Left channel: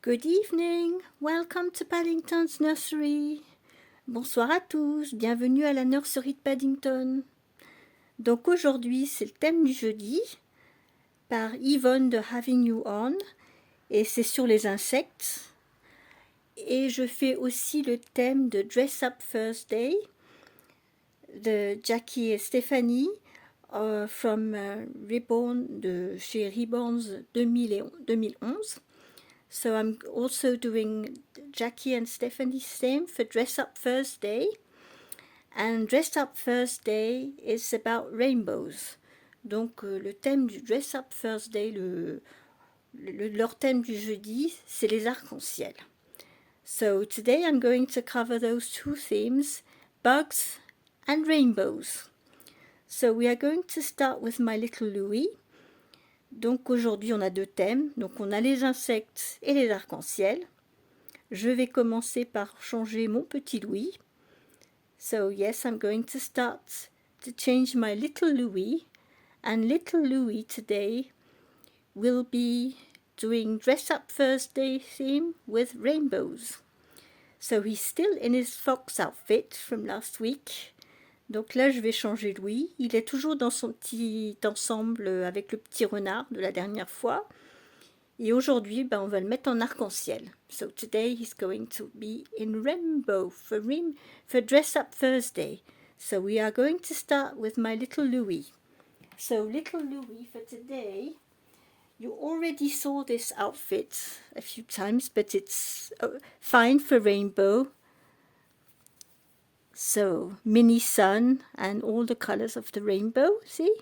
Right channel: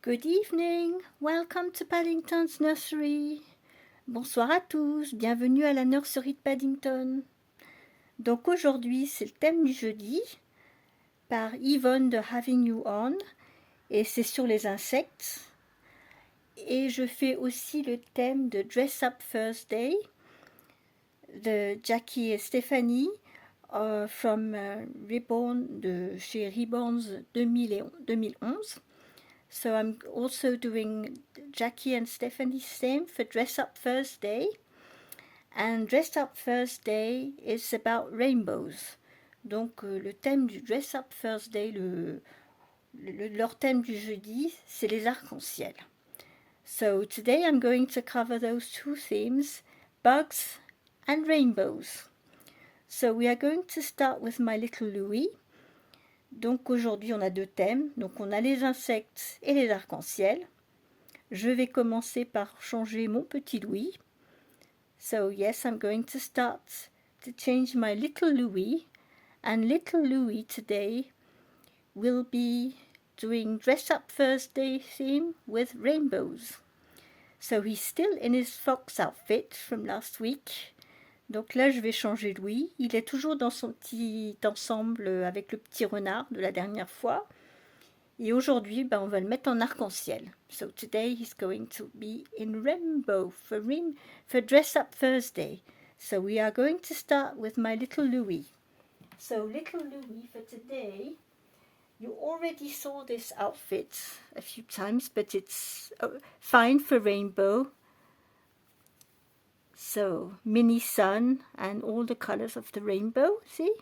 Good evening, welcome to Paddington's Nursery. Bonsoir à tous, bienvenue à la nurserie de Paddington. Donc aujourd'hui, c'est le thème du jeudi par Yvonne de Having You On et c'est sur les insectes. Et je fais aussi le thème de Dress Up Thursday de Jackie et Stephanie from Reborn de chez Reborns 2011. So I'm also doing Jackie and Stephanie's theme for Dress Up Thursday. And Dress Up Thursday is about rainbows. Donc le thème du Dress Up Thursday, leur thème du jeudi, c'est les arcs-en-ciel. So today I'm going to cover those two themes, bugs and rainbows. So we are going to start with my little Louis. Donc aujourd'hui on a deux thèmes, donc on a les insectes et les arcs-en-ciel. Je vais commencer par changer mon petit Louis. So yes, I'm going to start to change my little Louis, and little Louis today will be doing Dress Up Thursday theme with rainbows. So he's still in his fox outfit from last week. Donc là, je vais changer Louis. Il est toujours dans son petit ensemble avec le petit renard de la dernière fois. Et aujourd'hui, on va le mettre en arc-en-ciel. So today he's going to be in rainbow for Dress Up Thursday. So we are going to start with my little Louis. So little Louis for today, you already saw this outfit a few times, but it's fine for rainbow. So mini sun and all the colors of the rainbow, see?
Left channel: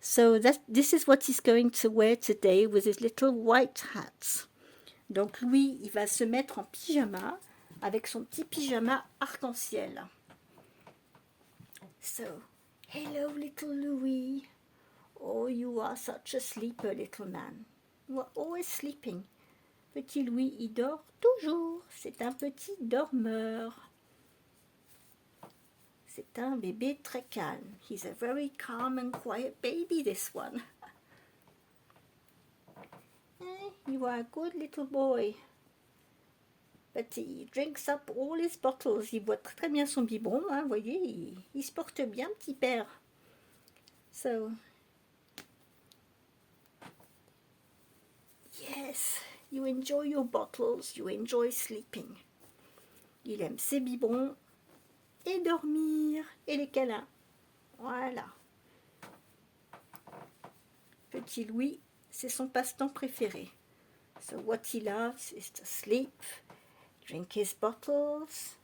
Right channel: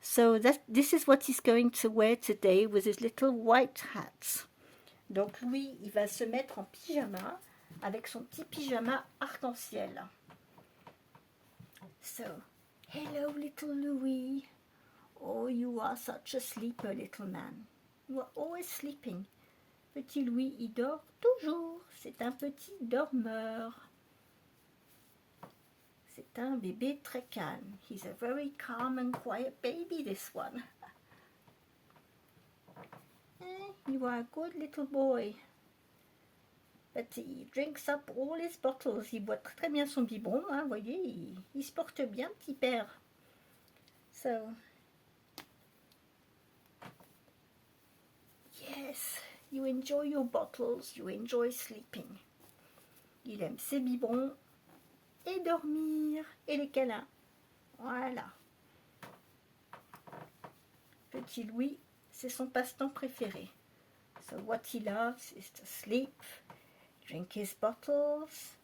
So this is what he's going to wear today with his little white hat. Donc lui, il va se mettre en pyjama avec son petit pyjama arc-en-ciel. So, hello little Louis. Oh, you are such a sleeper, little man. You are always sleeping. Petit Louis, il dort toujours. C'est un petit dormeur. C'est un bébé très calme. He's a very calm and quiet baby, this one. You are a good little boy. But he drinks up all his bottles. Il boit très bien son biberon, hein, vous voyez, il se porte bien, petit père. So, yes, you enjoy your bottles, you enjoy sleeping. Il aime ses biberons et dormir et les câlins. Voilà. Petit Louis, c'est son passe-temps préféré. So what he loves is to sleep, drink his bottles,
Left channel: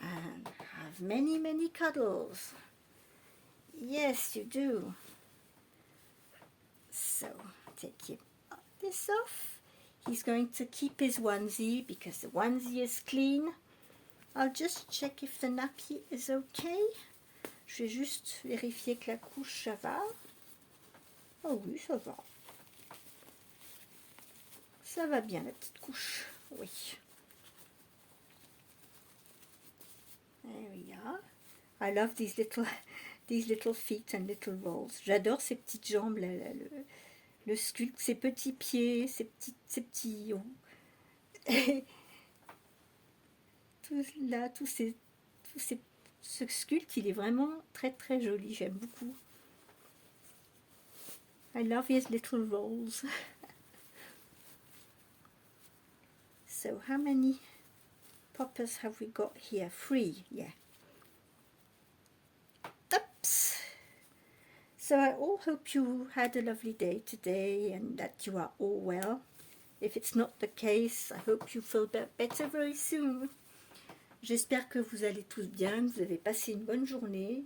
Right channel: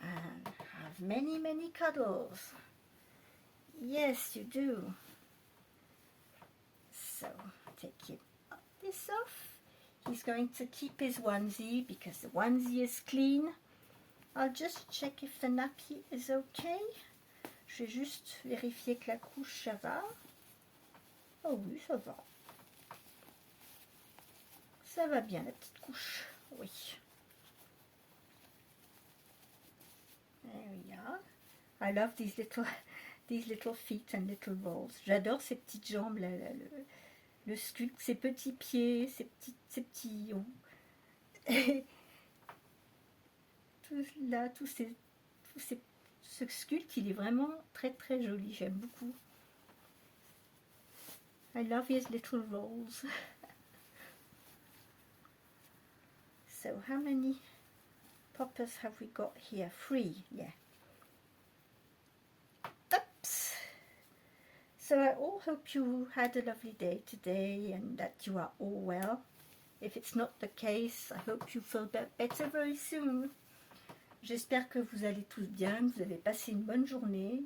and have many, many cuddles. Yes, you do. So, take this off. He's going to keep his onesie because the onesie is clean. I'll just check if the nappy is okay. Je vais juste vérifier que la couche, ça va. Oh oui, ça va. Ça va bien, la petite couche. Oui. There we are. I love these little feet and little rolls. J'adore ces petites jambes, là, le sculpte, ses petits pieds, ses petits ce sculpte, il est vraiment très très joli. J'aime beaucoup. I love his little rolls. So how many poppers have we got here? 3, yeah. Oops. So I all hope you had a lovely day today and that you are all well. If it's not the case, I hope you feel better very soon. J'espère que vous allez tous bien, que vous avez passé une bonne journée.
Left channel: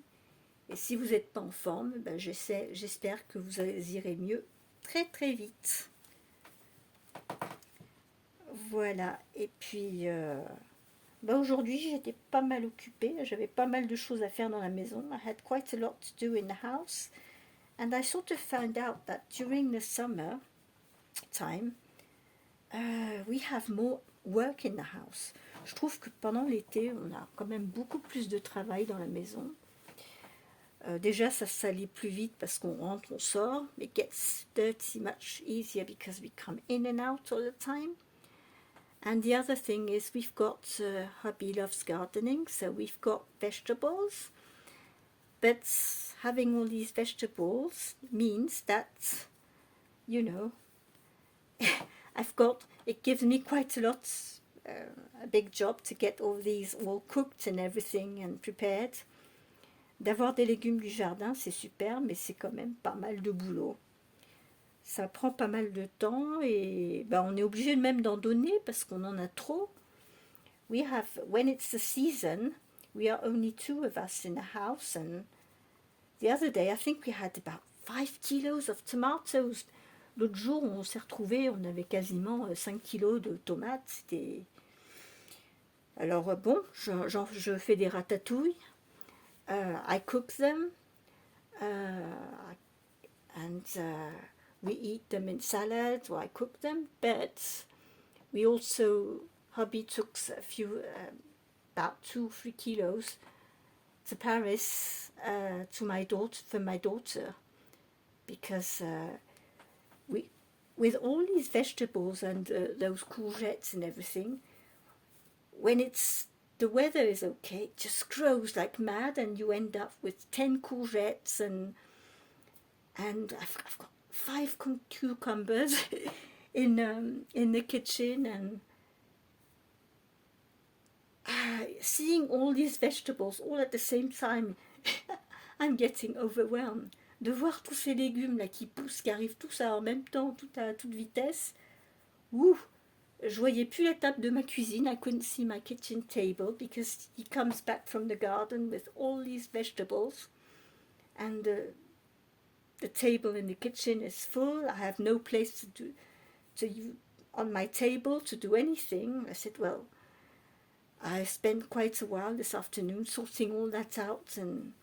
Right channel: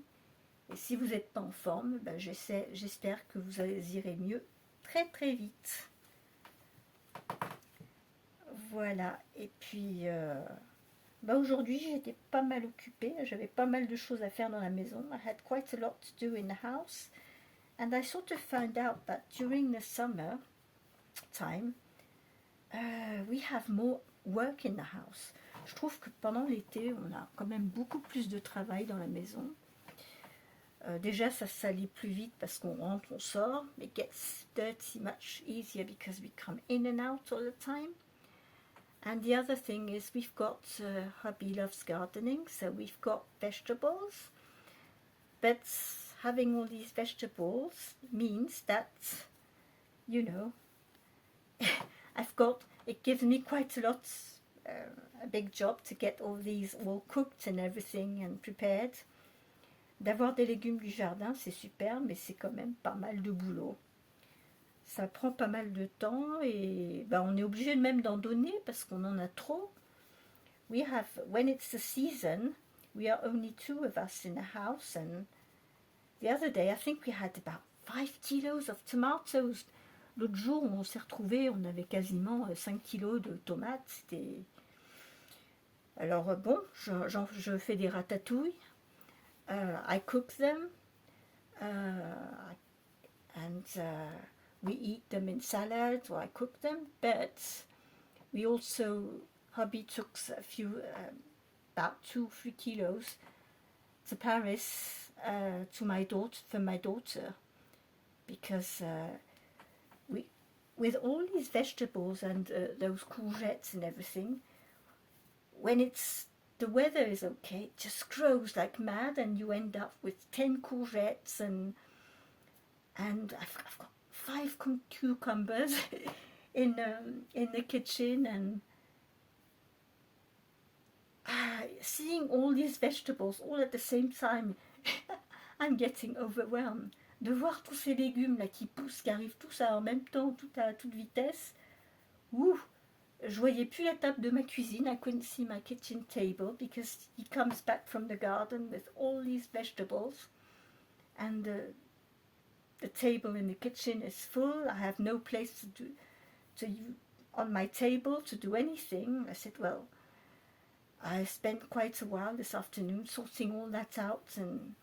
Et si vous n'êtes pas en forme, j'espère que vous irez mieux très très vite. Voilà, et puis aujourd'hui j'étais pas mal occupée, j'avais pas mal de choses à faire dans la maison. I had quite a lot to do in the house. And I sort of found out that during the summer time, we have more work in the house. Je trouve que pendant l'été, on a quand même beaucoup plus de travail dans la maison. Déjà, ça salit plus vite parce qu'on rentre, on sort. It gets dirty much easier because we come in and out all the time. And the other thing is we've got, hubby loves gardening, so we've got vegetables. But having all these vegetables means that, you know, it gives me quite a lot, a big job to get all these all cooked and everything and prepared. D'avoir des légumes du jardin, c'est super, mais c'est quand même pas mal de boulot. Ça prend pas mal de temps et ben, on est obligé même d'en donner parce qu'on en a trop. When it's the season, we are only 2 of us in the house, and the other day I think we had about 5 kilos of tomatoes. L'autre jour, on s'est retrouvés, on avait quasiment 5 kilos de tomates. C'était... Alors bon, je fais des ratatouilles. I cook them. And we eat them in salads, or I cook them. But we also, hubby took a few, about 2-3 kilos to Paris for my daughter, because with all these vegetables and those courgettes and everything, when the weather is okay, it just grows like mad, and you end up with 10 courgettes and I've got 5 cucumbers in the kitchen, and seeing all these vegetables all at the same time, I'm getting overwhelmed. De voir tous ces légumes là qui poussent, qui arrivent tous en même temps, tout à toute vitesse. Ouh, je voyais plus la table de ma cuisine. I couldn't see my kitchen table because he comes back from the garden with all these vegetables, and the table in the kitchen is full. I have no place on my table to do anything. I said, well, I spent quite a while this afternoon sorting all that out and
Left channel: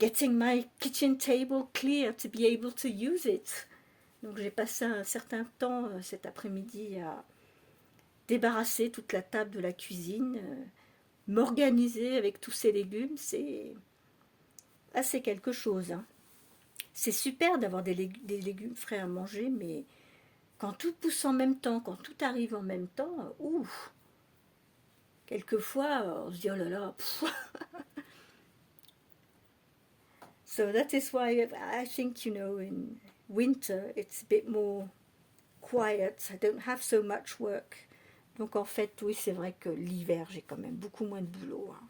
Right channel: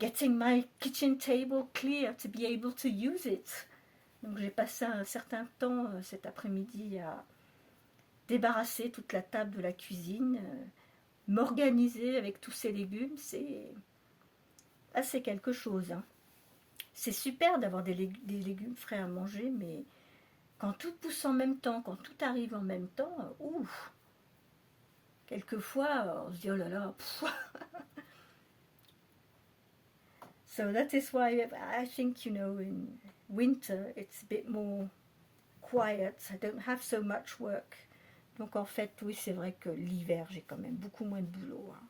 getting my kitchen table clear to be able to use it. Donc j'ai passé un certain temps cet après-midi à débarrasser toute la table de la cuisine, m'organiser avec tous ces légumes. C'est quelque chose, hein. C'est super d'avoir des légumes frais à manger, mais quand tout pousse en même temps, quand tout arrive en même temps, ouf, quelquefois on se dit oh là là. So that is why I think, in winter it's a bit more quiet. I don't have so much work. Donc en fait, oui, c'est vrai que l'hiver, j'ai quand même beaucoup moins de boulot, hein.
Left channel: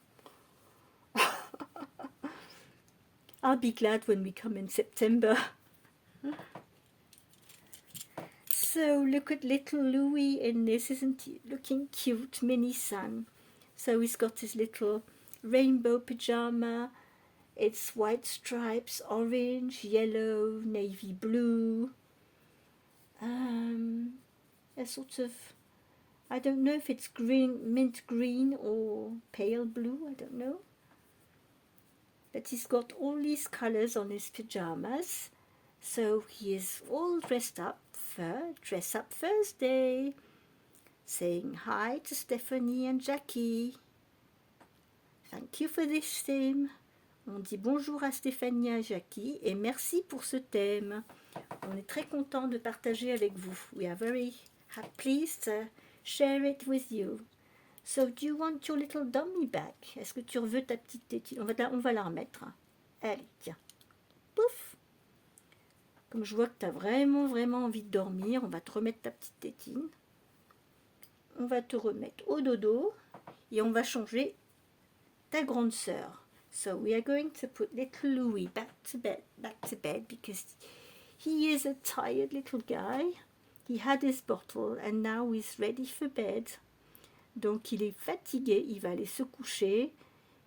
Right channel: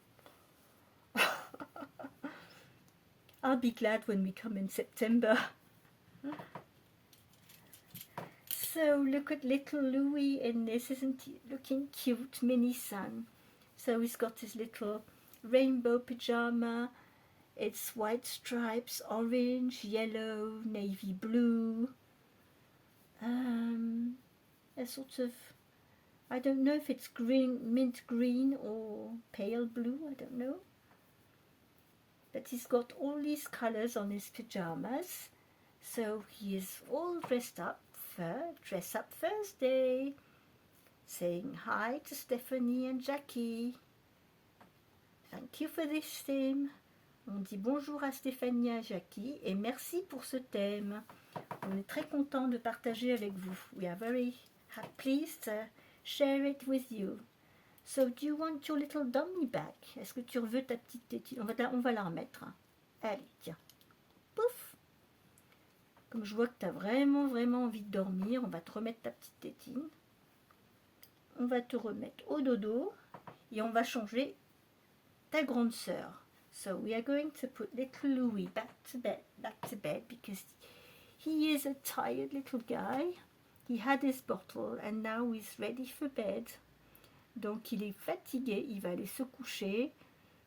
I'll be glad when we come in September. So look at little Louis in this, isn't he looking cute? Mini son. So he's got his little rainbow pyjama. It's white stripes, orange, yellow, navy blue. A sort of, I don't know if it's green, mint green or pale blue, I don't know. But he's got all these colors on his pajamas. So he is all dressed up for Dress Up Thursday, saying hi to Stephanie and Jackie. Thank you for this theme. On dit bonjour à Stéphanie et à Jackie et merci pour ce thème. On est très content de partager avec vous. We are very pleased to share it with you. So, do you want your little dummy back? Est-ce que tu veux ta petite tétine? On va la remettre. Allez, tiens. Pouf! Comme je vois que tu as vraiment, vraiment envie de dormir, on va te remettre ta petite tétine. On va te remettre au dodo et on va changer ta grande sœur. So we are going to put little Louis back to bed because he is a tired little guy. He had his bottle and now he's ready for bed. Donc il est fatigué, il va aller se coucher.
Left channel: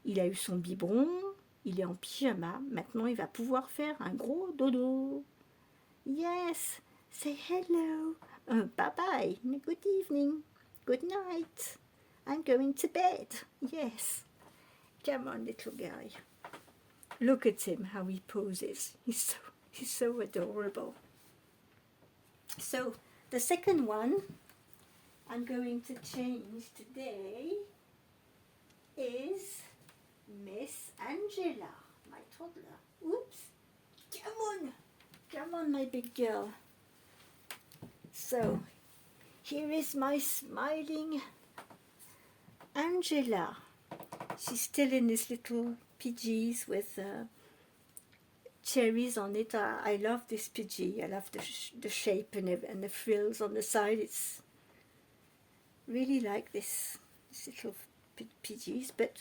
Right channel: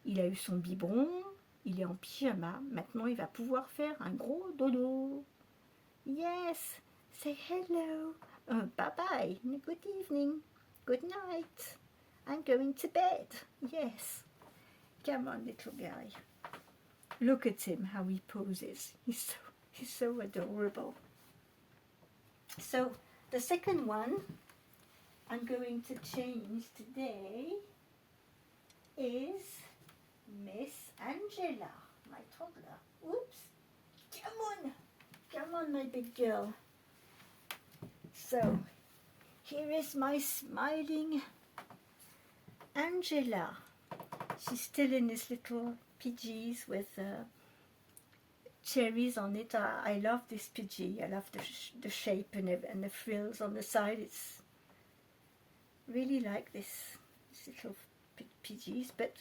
Il a eu son biberon, il est en pyjama. Maintenant il va pouvoir faire un gros dodo. Yes, say hello. Bye bye. Good evening. Good night. I'm going to bed. Yes. Come on, little guy. Look at him, how he poses. He's so adorable. So the second one I'm going to change today is Miss Angela, my toddler. Oops. Come on, my big girl. So Here is my smiling Angela. She's still in this little PGs with cherries on it. I love this PG. I love the shape and the frills on the side. It's really like this little PGs. But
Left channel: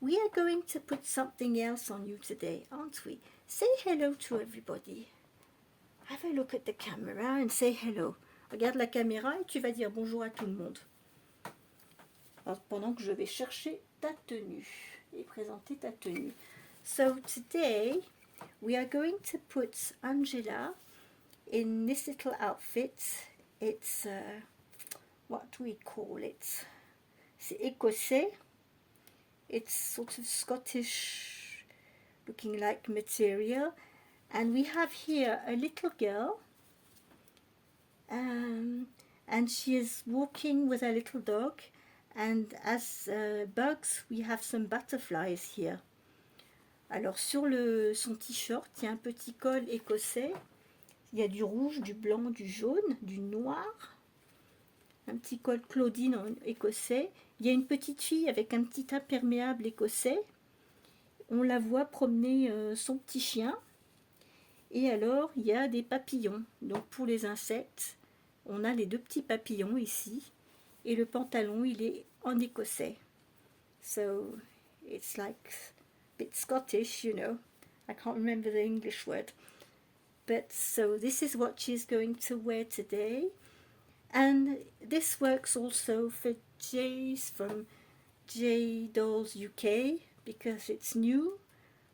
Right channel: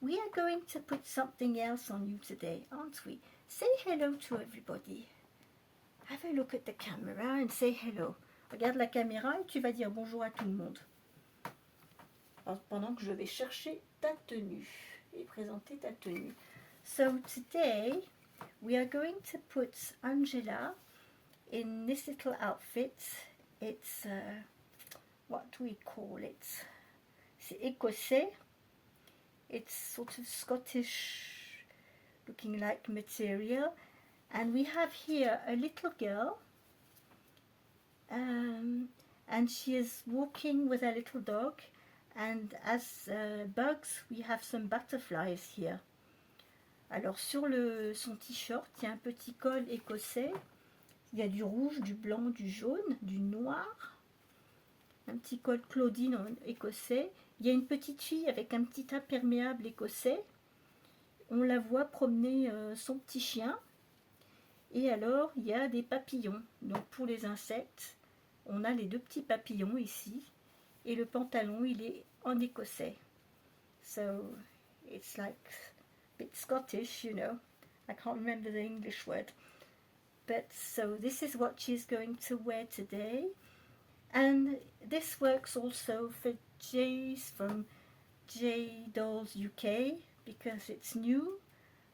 we are going to put something else on you today, aren't we? Say hello to everybody. Have a look at the camera and say hello. Regarde la caméra et tu vas dire bonjour à tout le monde. Pendant que je vais chercher ta tenue et présenter ta tenue. So today we are going to put Angela in this little outfit. It's, what do we call it? C'est écossais. It's sort of Scottish looking like material. And we have here a little girl. And she is walking with a little dog. And as bugs, we have some butterflies here. Alors sur son t-shirt, il y a un petit col écossais. Il y a du rouge, du blanc, du jaune, du noir. Un petit col Claudine écossais. Il y a une petite fille avec un petit imperméable écossais. On la voit promener son petit chien. Et alors, il y a des papillons. Donc pour les insectes, on a les deux petits papillons ici. Et le pantalon, il est en écossais. So, it's like a bit Scottish, you know. I can't remember the English word. But so this is what she's going to wear today. And this works also for Jay's from J Dolls UK because it's new.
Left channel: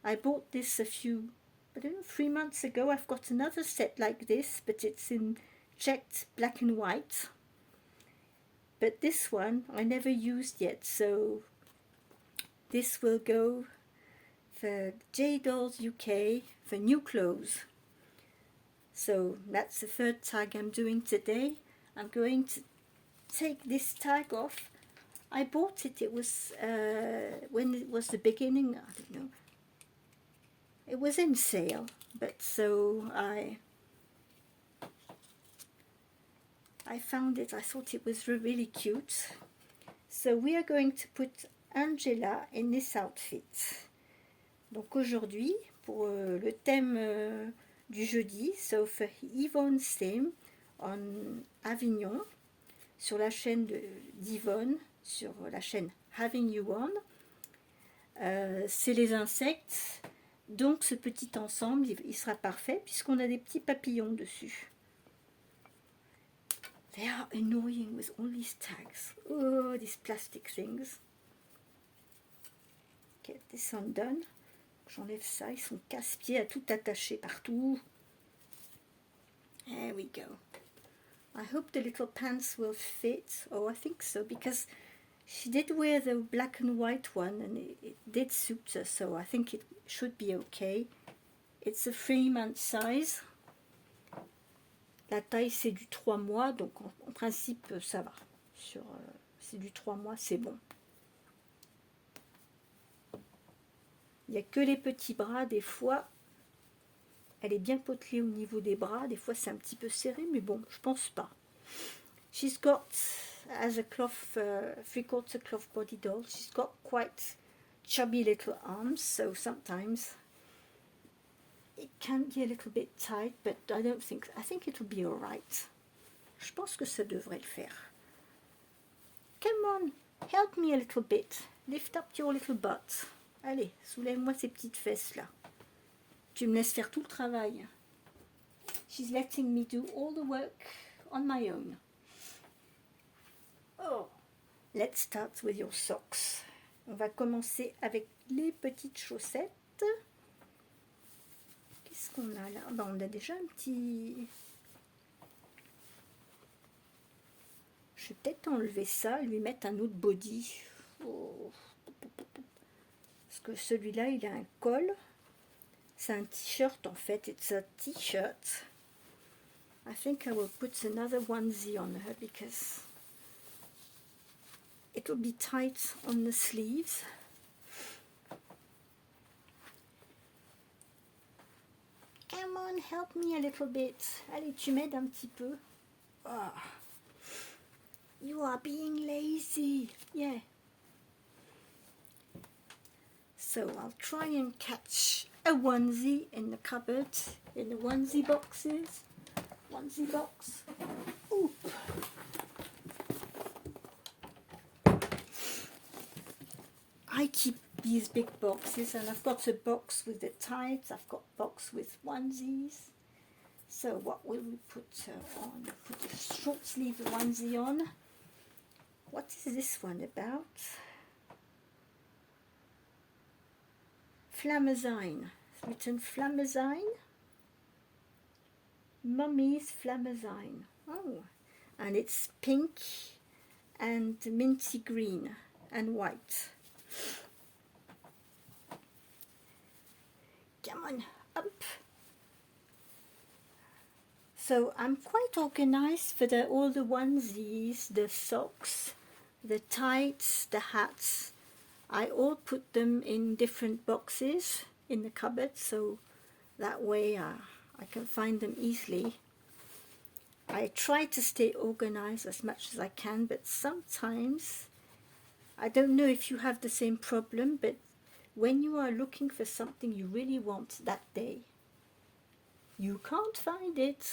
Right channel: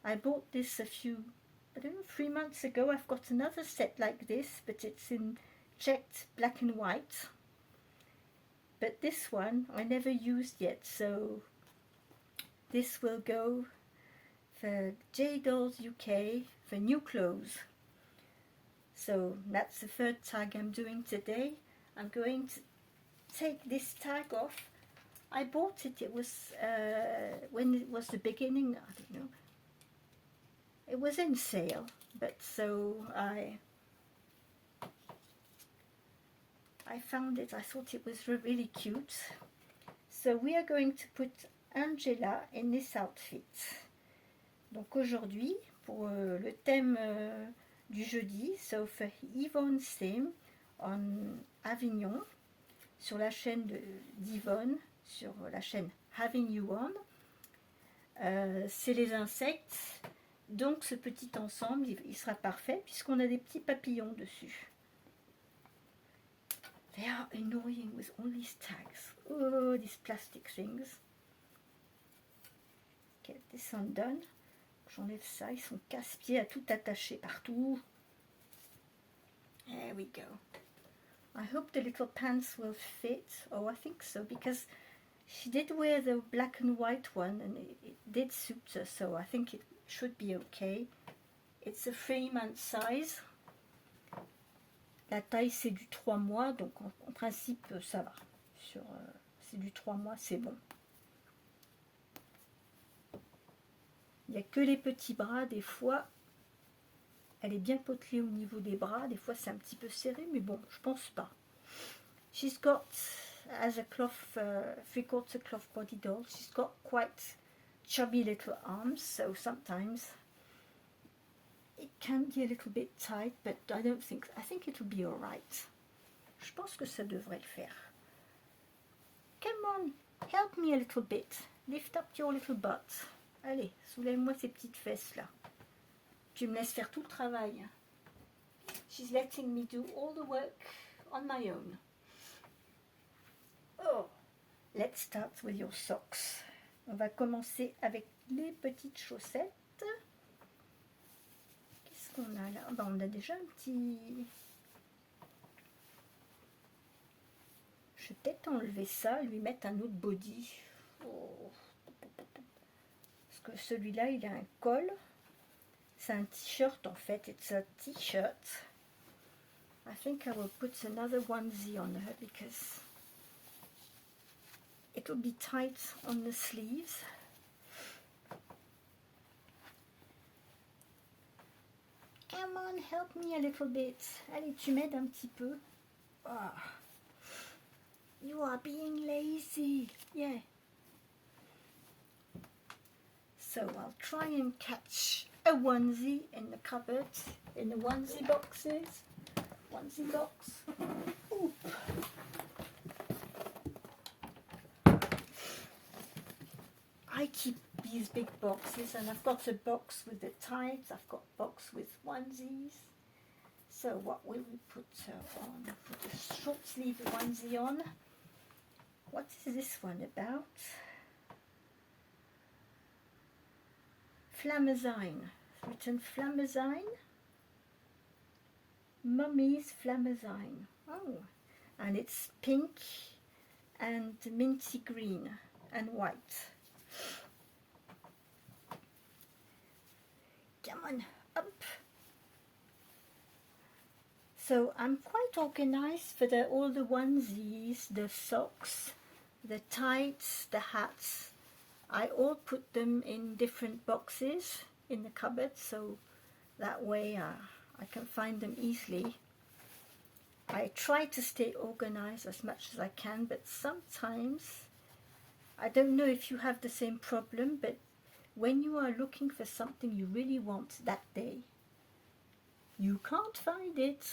I bought this I don't know, 3 months ago. I've got another set like this, but it's in checked black and white. But this one I never used yet, so this will go for J Dolls UK for new clothes. So that's the third tag I'm doing today. I'm going to take this tag off. I bought it, it was when it was the beginning, I don't know. It was in sale, but so I found it, I thought it was really cute. So we are going to put Angela in this outfit. Donc aujourd'hui, pour le thème du jeudi, so for Yvonne's theme on Avignon, sur la chaîne d'Yvonne, sur la chaîne Having You On, c'est les insectes. Donc ce petit ensemble, il sera parfait puisqu'on a des petits papillons dessus. They are annoying with all these tags. Oh, these plastic things. Get this undone. J'enlève ça, ils sont casse-pieds à tout attacher partout. There we go. I hope the little pants will fit. Oh, I think so, because she did wear the black and white one and it did suit her, so I think it should be okay. It's a 3-month size. La taille c'est du 3 mois, donc en principe ça va. C'est du 3 mois, c'est bon. Il n'y a que les petits bras, des fois. Elle est bien potelée au niveau des bras, des fois c'est un petit peu serré, mais bon, je pense pas. She's got, as a cloth, 3/4 cloth body doll, she's got quite chubby little arms, so sometimes it can be a little bit tight, but I think it'll be alright. Je pense que ça devrait le faire. Come on, help me a little bit. Lift up your little butt. Allez, soulève-moi ces petites fesses là. Tu me laisses faire tout le travail. She's letting me do all the work on my own. Oh, let's start with your socks. On va commencer avec les petites chaussettes. Qu'est-ce qu'on a là? Ben, on a déjà un petit... Je vais peut-être enlever ça et lui mettre un autre body. Oh. Parce que celui-là, il a un col. C'est un t-shirt en fait. It's a t-shirt. I think I will put another onesie on her because it will be tight on the sleeves. Come on, help me a little bit. Allez, tu m'aides un petit peu. Ah. You are being lazy. Yeah. So I'll try and catch a onesie in the cupboard, in the onesie boxes. Onesie box. Ooh. I keep these big boxes, and I've got a box with the tights, I've got a box with onesies. So what will we put on? I'll put a short sleeve onesie on. What is this one about? Flamazine. It's written Flamazine. Mummy's Flamazine. Oh, and it's pink and minty green and white. Come on, up. So I'm quite organized for all the onesies, the socks, the tights, the hats. I all put them in different boxes in the cupboard, so that way I can find them easily. I try to stay organized as much as I can, but sometimes, I don't know if you have the same problem, but when you are looking for something you really want that day, you can't find it.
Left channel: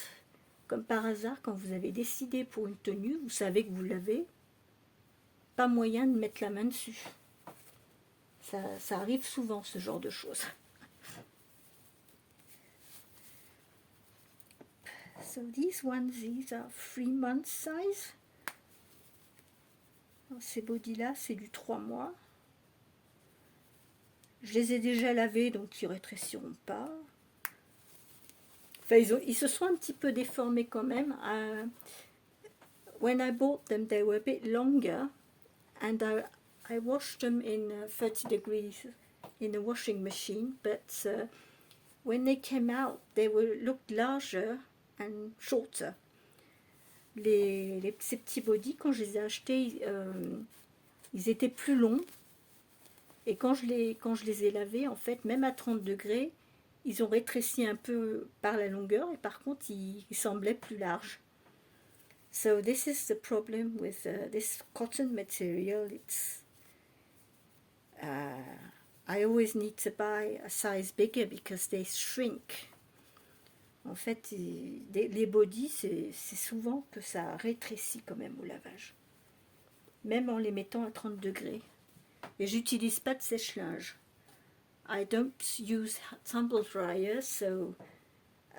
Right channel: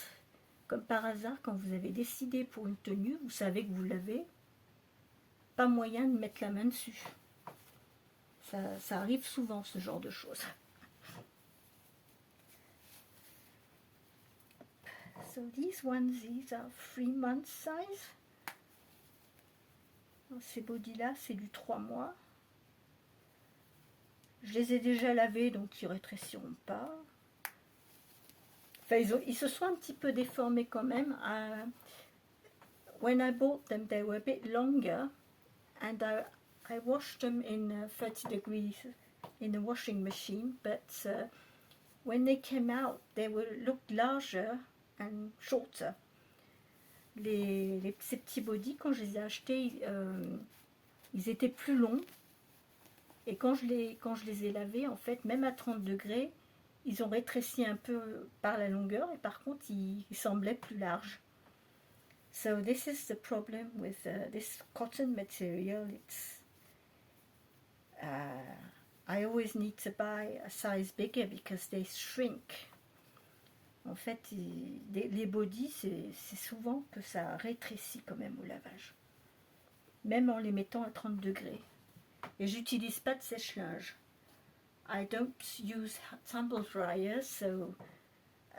Comme par hasard, quand vous avez décidé pour une tenue, vous savez que vous l'avez, pas moyen de mettre la main dessus. Ça arrive souvent, ce genre de choses. So these onesies are 3 months size. Ces bodys-là, c'est du 3 mois. Je les ai déjà lavés, donc ils ne rétréciront pas. Enfin, ils se sont un petit peu déformés quand même. When I bought them, they were a bit longer, and I washed them in 30 degrees in the washing machine, but when they came out, they looked larger and shorter. Ces petits bodys, quand je les ai achetés, ils étaient plus longs, et quand je les ai lavés, en fait, même à 30 degrés, ils ont rétréci un peu par la longueur, et par contre, ils semblaient plus larges. So this is the problem with this cotton material. It's I always need to buy a size bigger because they shrink. En fait, les bodys, c'est souvent que ça rétrécit quand même au lavage, même en les mettant à 30 degrés. Et j'utilise pas de sèche-linge. I don't use tumble dryer, so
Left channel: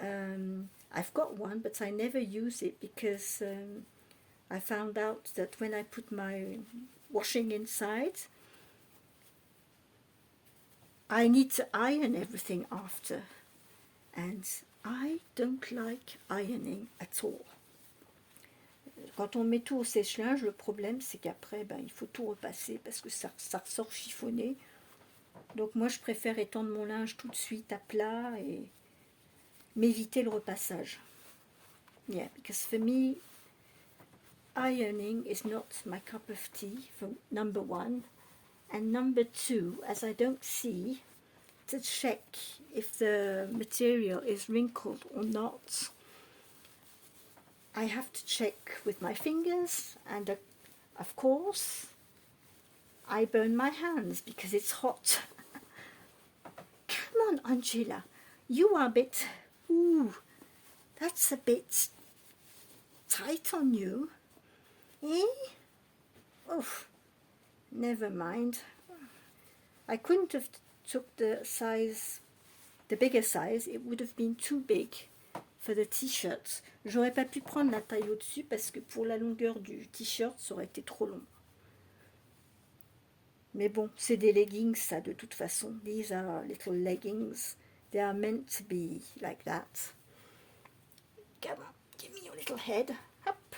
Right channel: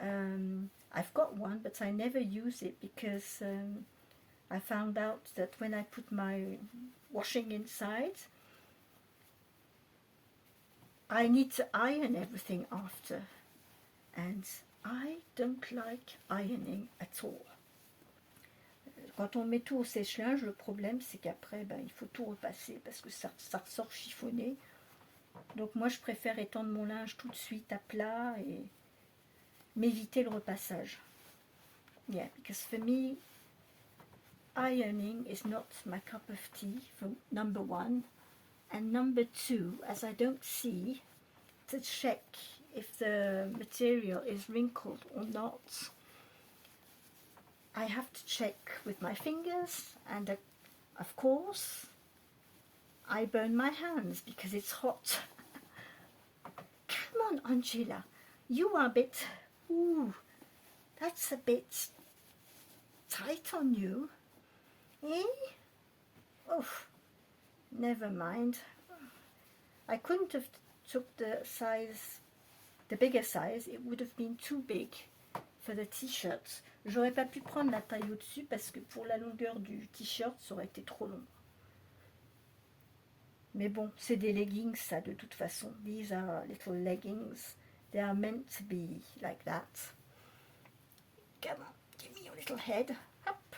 I've got one, but I never use it because I found out that when I put my washing inside, I need to iron everything after, and I don't like ironing at all. Quand on met tout au sèche-linge, le problème c'est qu'après, il faut tout repasser parce que ça ressort chiffonné. Donc moi je préfère étendre mon linge tout de suite à plat et m'éviter le repassage. Yeah, because for me, ironing is not my cup of tea, for number one. And number two, as I don't see, to check if the material is wrinkled or not, I have to check with my fingers, and of course, I burn my hands because it's hot. Come on, Angela, you are a bit, ooh, that's a bit tight on you, eh? Oof, never mind. I couldn't have took the size, the bigger size, it would have been too big for the t-shirt. J'aurais pas pu prendre la taille au-dessus parce que pour la longueur du t-shirt, ça aurait été trop long. Mais bon, c'est des leggings, ça, de toute façon. These are little leggings. They are meant to be like that. Come on, give me your little head. Hop.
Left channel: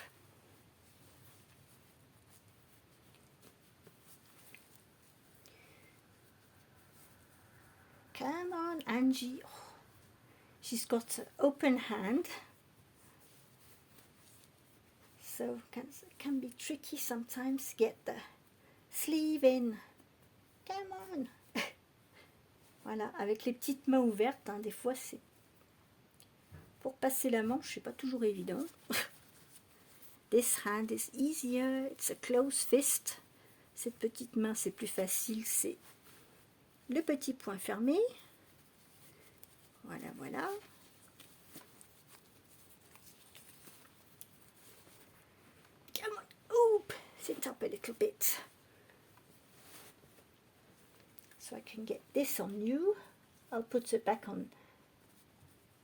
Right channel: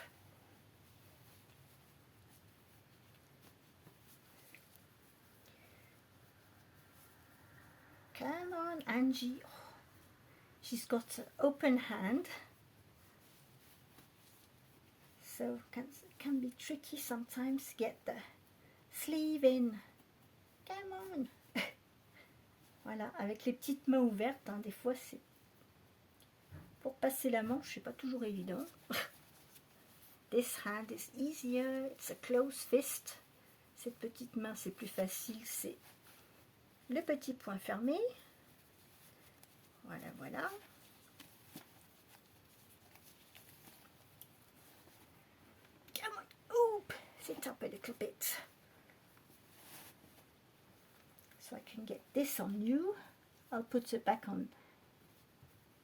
Come on, Angie. Oh, she's got an open hand. So it can be tricky sometimes to get the sleeve in. Come on. Voilà, avec les petites mains ouvertes, hein, des fois c'est... Pour passer la manche, c'est pas toujours évident. This hand is easier, it's a closed fist. Cette petite main, c'est plus facile, c'est le petit poing fermé. Voilà, voilà. Come on, oop, sit up a little bit. So I can get this on you. I'll put it back on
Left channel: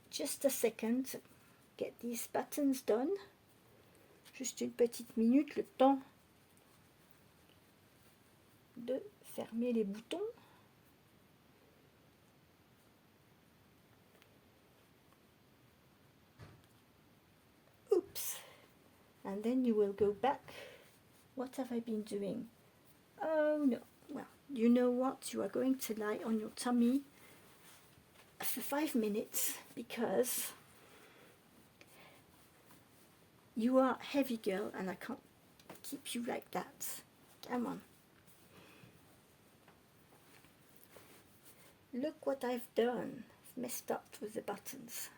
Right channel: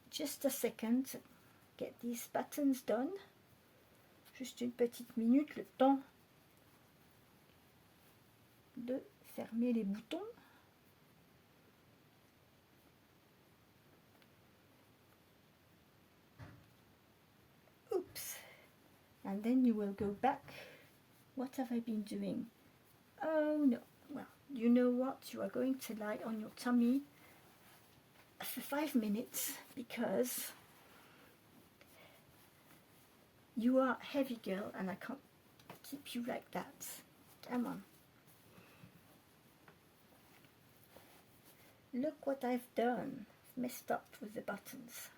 just a second. Get these buttons done. Juste une petite minute, le temps de fermer les boutons. Oops. And then you will go back. What have I been doing? Oh no. Well, you know what? You are going to lie on your tummy for 5 minutes because you are a heavy girl and I can't keep you like that. Come on. Look what I've done. I've messed up with the buttons.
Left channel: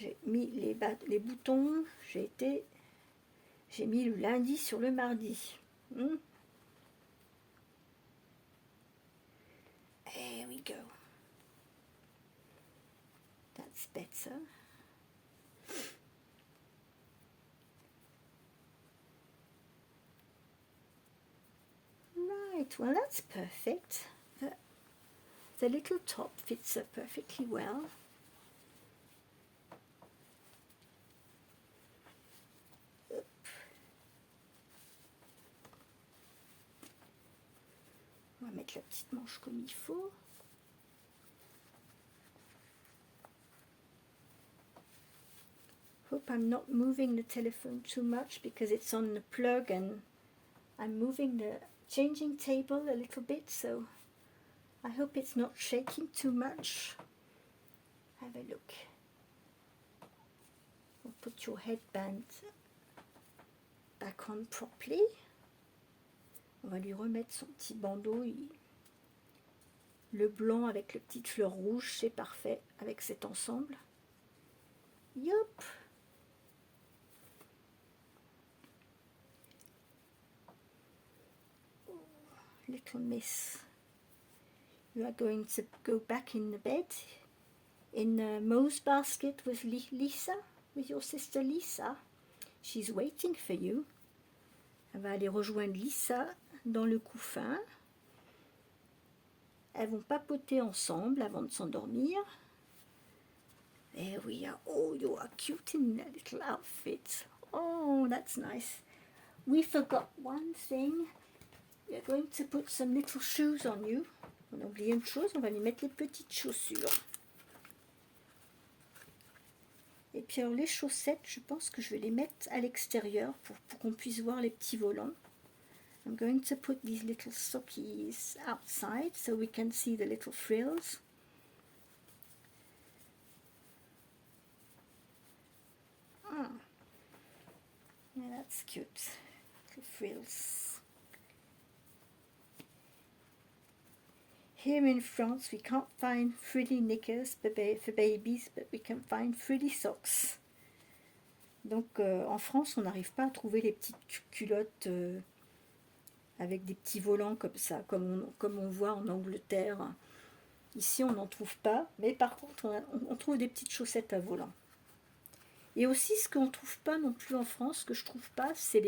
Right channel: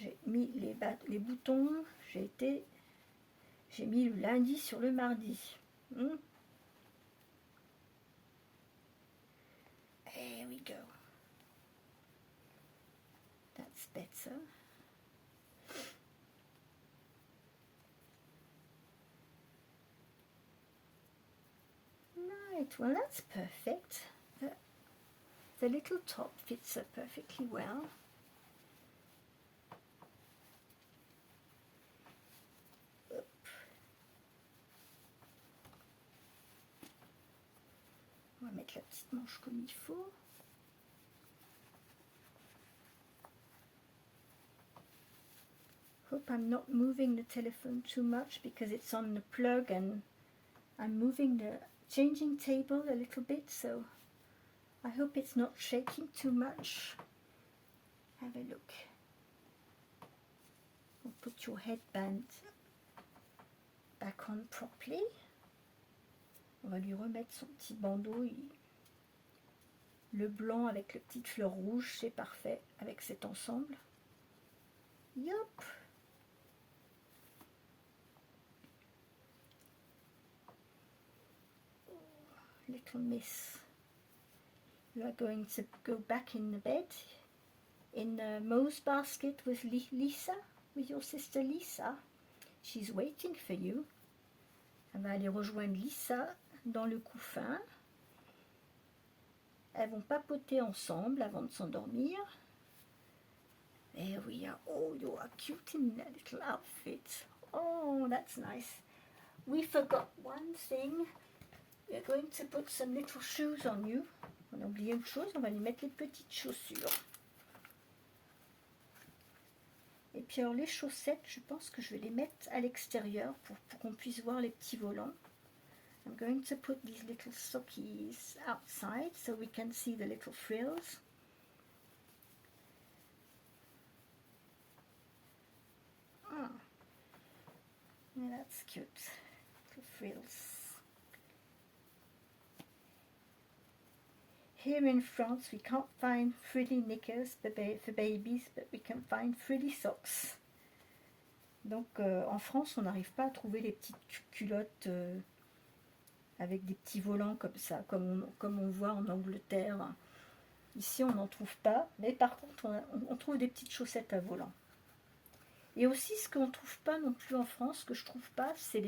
J'ai mis les boutons, j'ai mis le lundi sur le mardi. There we go. That's better. Right, well that's perfect. The little top fits her perfectly well. On va mettre la petite manche comme il faut. Hope I'm not moving the telephone too much because it's on the plug and I'm moving the changing table a little bit, so I hope it's not shaking too much. Have a look. We'll put your headband back on properly. On va lui remettre son petit bandeau. Le blanc avec le petit fleur rouge, c'est parfait avec cet ensemble. Yup. Little miss. You are going to go back in the bed in Mo's basket with Lisa, with your sister Lisa. She's waiting for you. Elle va aller rejoindre Lisa dans le couffin. Elles vont papoter ensemble avant de s'endormir. There we are. Oh, you are cute in that little outfit. Oh, that's nice. We forgot one thing. We're going to put some little shoes on you. On a oublié une chose, on va lui mettre les petites chaussures. Et puis alors les chaussettes, je pense que je vais les mettre à l'extérieur pour qu'on puisse voir les petits volants. I'm going to put these little sockies outside so we can see the little frills. Oh, yeah, that's cute. Little frills. Here in France, we can't find frilly knickers for babies, but we can find frilly socks. Donc en France, on n'arrive pas à trouver les petites culottes avec des petits volants comme ça, comme on voit en Angleterre. Ici, on n'en trouve pas, mais par contre, on trouve des petites chaussettes à volants. Et aussi, ce qu'on ne trouve pas non plus en France, que je trouve pas, c'est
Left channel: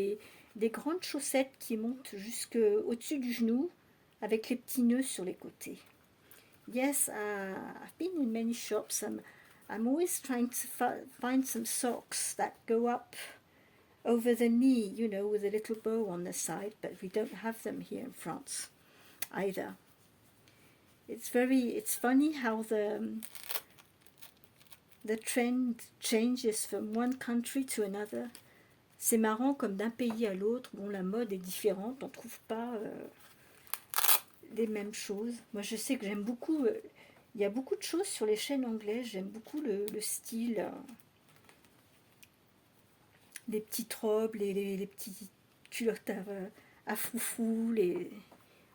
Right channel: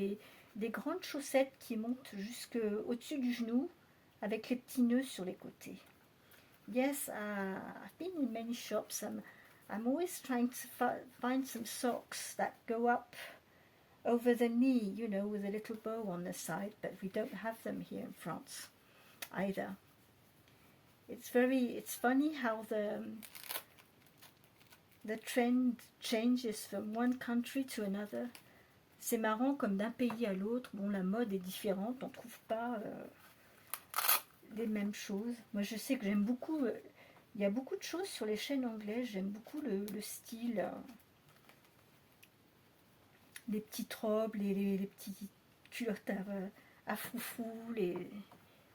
des grandes chaussettes qui montent jusqu'au-dessus du genou, avec les petits nœuds sur les côtés. Yes, I've been in many shops. I'm always trying to find some socks that go up over the knee, you know, with a little bow on the side, but we don't have them here in France either. It's funny how the trend changes from one country to another. C'est marrant comme d'un pays à l'autre, bon, la mode est différente, on ne trouve pas les mêmes choses. Moi, je sais que j'aime beaucoup, il y a beaucoup de choses sur les chaînes anglaises, j'aime beaucoup le style, les petites robes, les petites culottes à froufrou,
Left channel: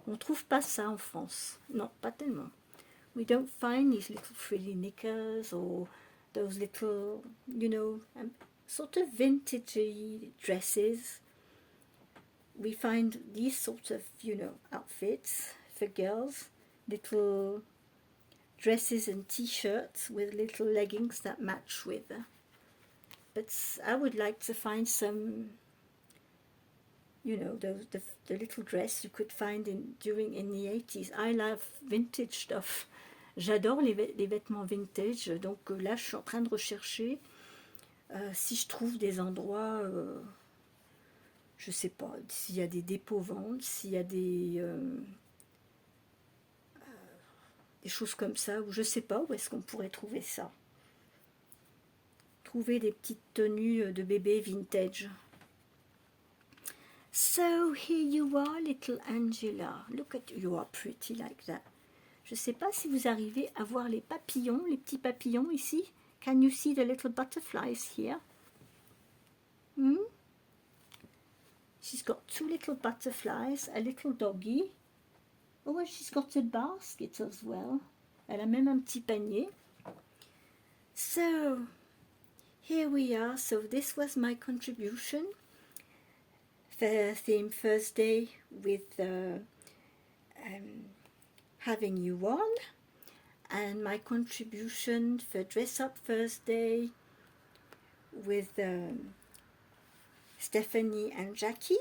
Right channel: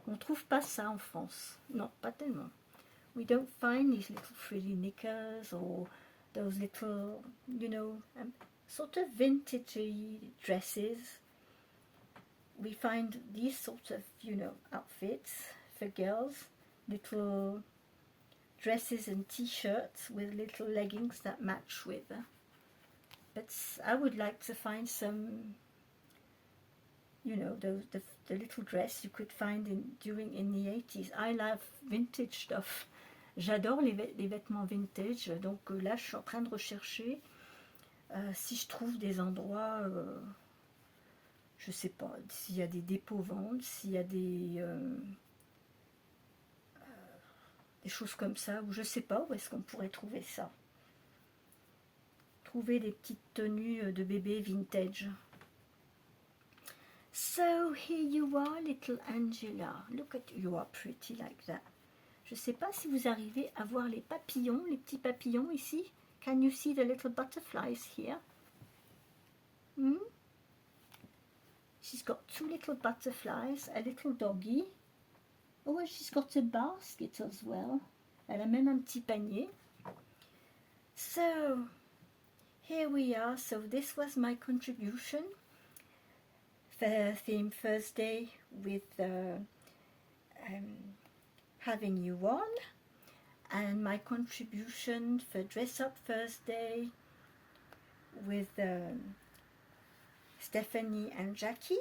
on ne trouve pas ça en France. Non, pas tellement. We don't find these little frilly knickers or those little, you know, sort of vintagey dresses. We find these sorts of, outfits for girls, little dresses and t-shirts with little leggings that match with. But I would like to find some, the little dress you could find in the 80s. I love vintage stuff. J'adore les vêtements vintage. Donc là, je suis en train de rechercher si je trouve des endroits, je sais pas, s'il y a des dépôts-ventes, s'il y a des choses comme ça, ou je sais pas où est-ce qu'on pourrait trouver ça. Trouver des petites tenues de bébé vintage. So here you are, little Angela. Look at you, are pretty like that. Je sais pas si vous arrivez à voir les papillons, les petits papillons ici. Can you see the little butterflies here? She's got two little butterflies, a little doggy. Oh, she's got a basket as well. Elle a même un petit panier. So, here we are. So this was my contribution. The theme Thursday with having you on. And my contribution for Dress Up Thursday with Stephanie and Jackie.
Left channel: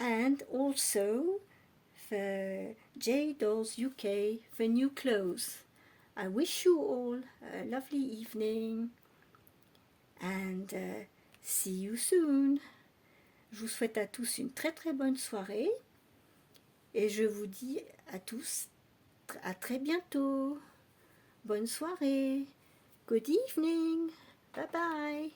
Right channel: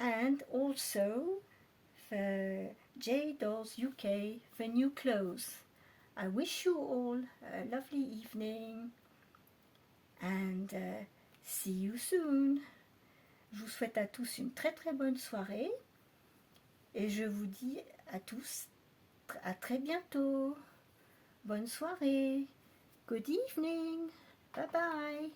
And also for J Dolls UK for new clothes. I wish you all a lovely evening and see you soon. Je vous souhaite à tous une très très bonne soirée et je vous dis à tous à très bientôt. Bonne soirée. Good evening. Bye bye.